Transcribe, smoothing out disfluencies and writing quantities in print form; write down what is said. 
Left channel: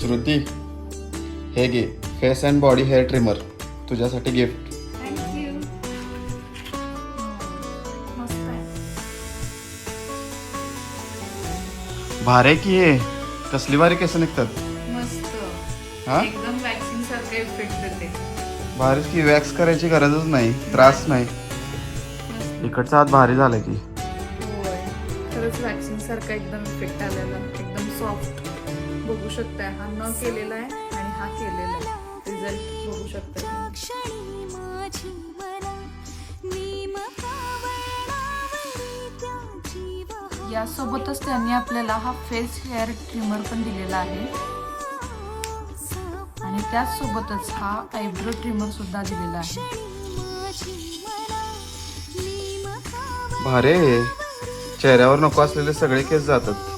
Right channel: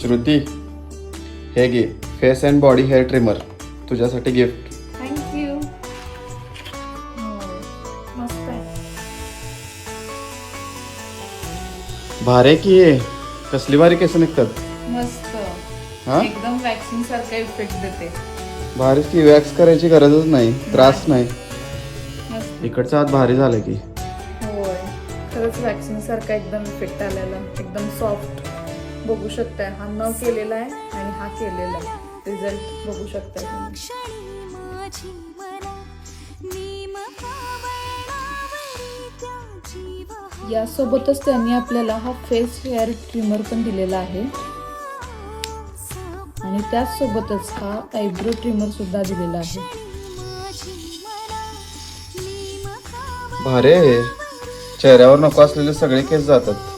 श्रुती, हे घे face and body hair trimmer, तुझ्यासाठी गिफ्ट. थँक्यू. मस्त आहे. भारी आहे की हे. कसली भारी केस निघतात. मस्त. हा एकदम वॅक्सिंग सारखा इफेक्ट देते. भारीच की. वॅक्स करायची गरजच नाही, त्रास नाही. मस्त. इकडचा हात भारी झाला की. होय, खरंच वॅक्सिंग सारखा एकदम इफेक्ट आलेला, एकदम सॉफ्ट. बघू शकताय, हा न केलेला आहे आणि हा केलेला आहे. रिझल्ट बघू शकताय तुम्ही. यासोबतच त्यांनी आपल्याला हा फेस हेअर ट्रिमर पण दिलेला आहे आणि त्याचसोबतच हा आयब्रो ट्रिमर सुद्धा दिलेला आहे. भारी आहे. चेहऱ्यावर नको असलेले सगळे केस जातात.